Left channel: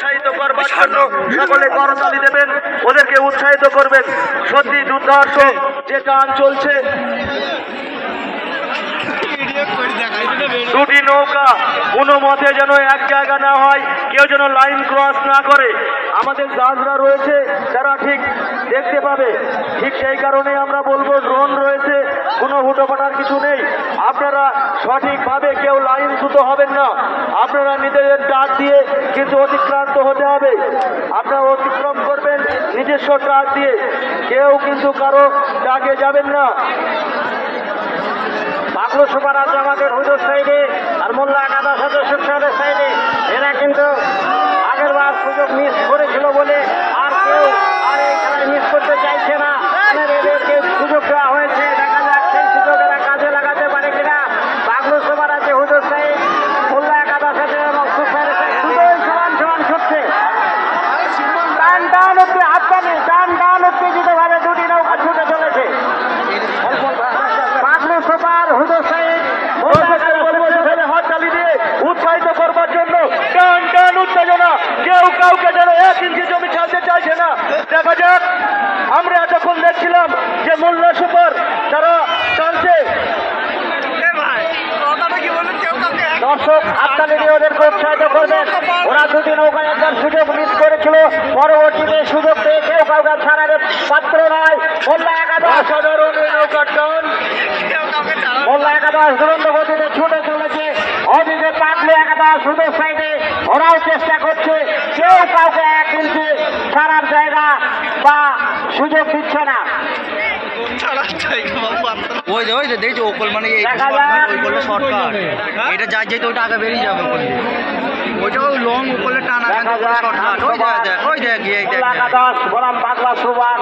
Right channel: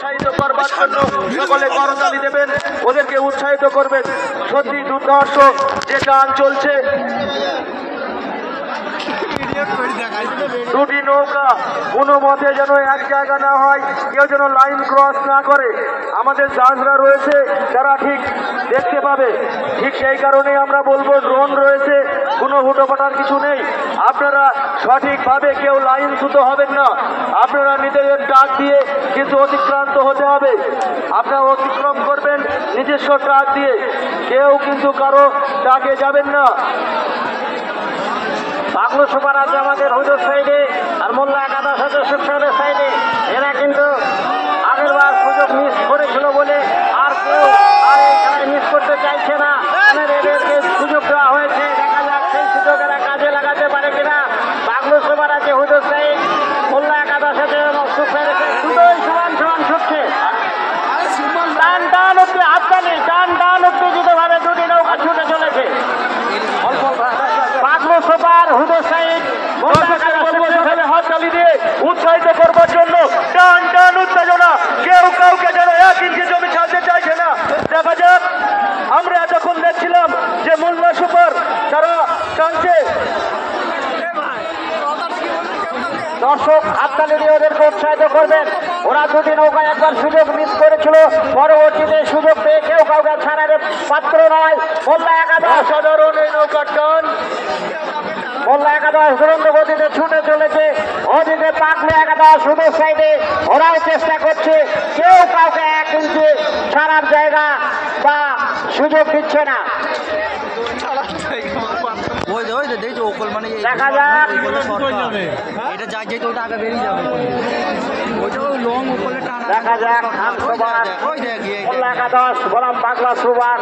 উৎসাহিত করবার জন্য সকলে করতালি দেবেন, ওদেরকে উৎসাহিত করবেন। সত্যি দুর্ধর্ষ যে গান চলছে, দুটি নৌকা কোনো মতে যেন এক জায়গা না হয়, কেউ যেন লাইন ক্রস না করে। আমাদের জাহাজরা রয়েছে তারা ঠিক দেখতে পাবে, ঠিক সেই কারণে আমরা বলবো ড্রোন রয়েছে, কোনো হুটোপাটার কিছু নেই। আপনারা সঠিকভাবে কেউ লাইনচ্যুত হবেন না, আপনারা নিজেদের ডাক দিয়ে কিন্তু অতিক্রান্ত হতে হবে। আপনারা অতিক্রম করবেন নিজস্ব ট্রাক দিয়ে, কেউ কিন্তু কারো ডাকে যাবেন না। বাগলু সুপার আছে আমাদের হুজুর সাইডে, আর মোল্লা কাদা সাথে সুখসাদের সাইডে। এরা কিন্তু আগের বার সুযোগ মিস করেছিল বলে আর কেউ আর এই খেলায় মিস করতে চাইছে না। এদেরকে সুযোগ দেওয়া হয়েছে, দেখা যাক সেই সুযোগ এরা কাজে লাগাতে পারে কিনা। বাগলু সুপার আছে হুজুর সাইড, মোল্লা কাদা সাথে এবং সুখসাদের সাইড, দুটোই সমান সমান ছুটছে। টান টান অব্দি হাততালি, টান টান উত্তেজিত ভাবে দুটি নৌকা ছুটে চলেছে। বাগলু সুপার হুজুর সাইড হাততালি দিয়ে উৎসাহিত করবার জন্য টান টান উত্তেজনা, কেউ কাউকে যেন 1 ইঞ্চি জমি ছাড়তে চাইছে না। দেখা যাক, আমরা যখন দেখছিলাম যে মোল্লা সুপার তারা টানছে, দর্শক হাততালি দিয়ে ওদেরকে উৎসাহিত করবেন। ওরা দুটি নৌকায় একবার সুযোগ মিস করেছিল, পরবর্তীতে সুযোগ পেয়ে কেউ কাউকে ছাড়ার পাত্র নয়। মোল্লা একাদশ সাধারণ নৌকার টান, মোল্লা একাদশ দুরন্ত গতিতে ছুটে চলেছে। অদিকে বাগলু একাদশ সুদূর সাইডে, ওরাও চেষ্টা করছে, কেউ কাউকে 1 ইঞ্চি ছাড়ার জায়গা বা সুযোগ দিচ্ছে না। ওই দেখছি ওকল মানে শর্টকাট, এটা যা যেতে ওটা আগে বেরিয়ে যাবে ওকল দিয়ে, ওইটা ওই লং ওকলে টানা শর্টকাট। ওই দেখ বাগলা সুপার